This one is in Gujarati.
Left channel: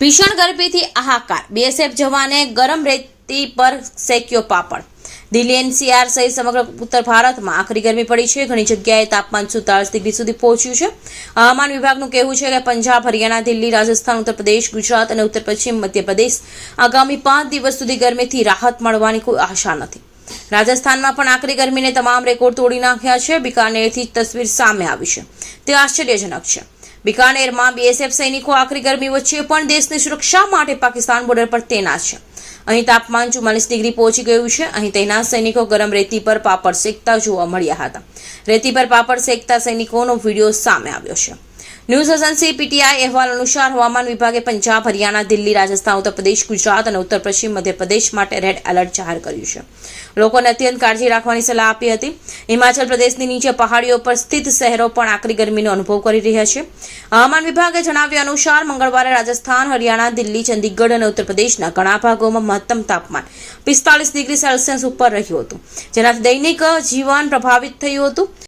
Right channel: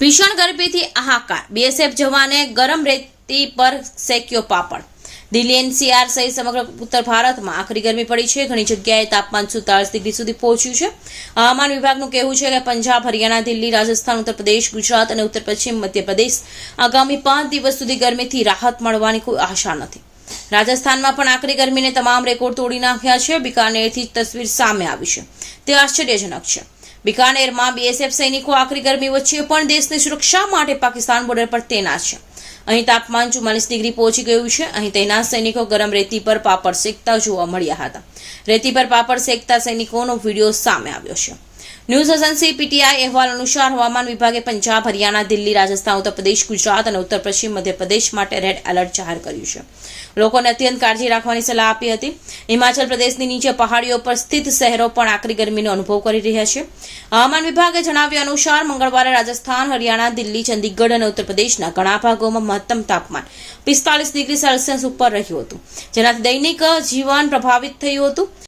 ભીષણ ગરમીથી હાહાકાર. બીએસએફ જવાને ગરમ રેતી પર શેક્યો પાપડ. દિલ્હી એનસીઆર સહિત સમગ્ર ઉત્તર ભારતમાં આખરી ગરમી પડી છે. ઘણી જગ્યાએ તાપમાન સુતાળીસ ડિગ્રી સુધી પહોંચ્યું છે. હવામાન વિભાગનું કહેવું છે કે પંજાબ, હરિયાણા, દિલ્હી, રાજસ્થાન ઉત્તર પ્રદેશ ગુજરાત અને ઉત્તર પશ્ચિમ મધ્યપ્રદેશ આગામી પાંચ દિવસ સુધી ગરમીથી રાહત મળવાની કોઈ આશા નથી. રાજસ્થાનમાં પણ આકરી ગરમીને તમામ રેકોર્ડ તોડી નાખ્યા છે. બિકાનેરથી તસવીર સામે આવી છે. તે આશ્ચર્યજનક છે. બિકાનેરમાં બીએસએફ સૈનિકો આકરી ગરમી વચ્ચે પણ દેશની સુરક્ષા માટે પાકિસ્તાન બોર્ડર પર તૈનાત છે. અહીં તાપમાન ચુમ્માલીસ ડિગ્રી પહોંચી ગયું છે. અહીં તૈનાત સૈનિકો ગરમ રેતી પર પાપડ શેકતા જોવા મળ્યા હતા. રેતી પર પાપડ શેકતા સૈનિકોનો વીડિયો સામે આવ્યો છે. ન્યૂઝ એજન્સી પીટીઆઈ અહેવાલ અનુસાર હવામાન વિભાગે પંજાબ, હરિયાણા, દિલ્હી, રાજસ્થાન ઉત્તર ગુજરાત અને ઉત્તર પશ્ચિમ મધ્યપ્રદેશ માટે રેડ એલર્ટ જાહેર કર્યું છે. લોકોને અત્યંત કાળજી રાખવાની સલાહ આપી હતી. હિમાચલ પ્રદેશની નીચે પહાડીઓ પર સ્થિત શહેરો પણ આકરી ગરમીનો અનુભવ કરી રહ્યા છે. હવામાન વિભાગે જણાવ્યા અનુસાર મંગળવારે રાજસ્થાન, હરિયાણા, દિલ્હી, ચંદીગઢ અને ઉત્તર પ્રદેશના ઘણા ભાગોમાં મહત્તમ તાપમાન પિસ્તાલીસ ડિગ્રી સેલ્સિયસ ઉપર રહ્યું હતું. જેનાથી દૈનિક જીવન પ્રભાવિત થયું હતું.